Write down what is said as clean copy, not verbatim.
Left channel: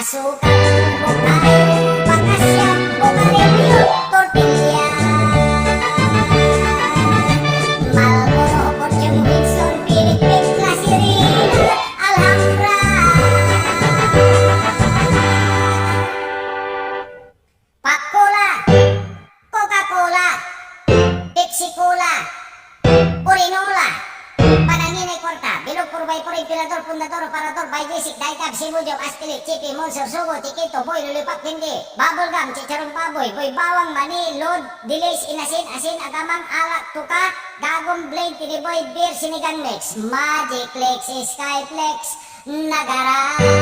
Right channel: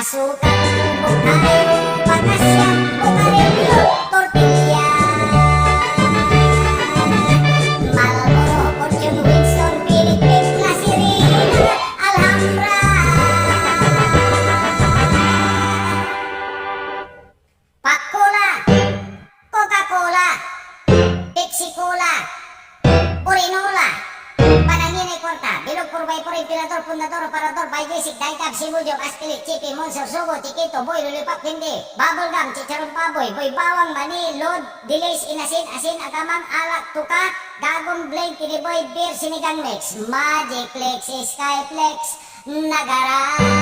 Asukal, bukayo, pakasya, bukarilyo, tortilla. Marlboro, Fortune, Winston, Philippine, Clasirin, Alhambra. Pak-Cola, Coca-Cola, Pepsi-Cola, Purinola, Panangin ay Kwarta, Bilog 4x4, Imperador, Fundador, Operador, Bajesic, Daitab, Sibujok, Aspilit, Chipi, Monster, Sugo, Tikito, Boy, Lulipap, Hindi, Bubblegum, Chicharong Baboy, Boy Bawang, Mani, Lod, Delays, Inasin, Asin, Agamang, Alak, Tuka, Gagong, Blade, Tiniboy, Beer, Sinigang Mix, Magic Flex, Skyflex, Nagara.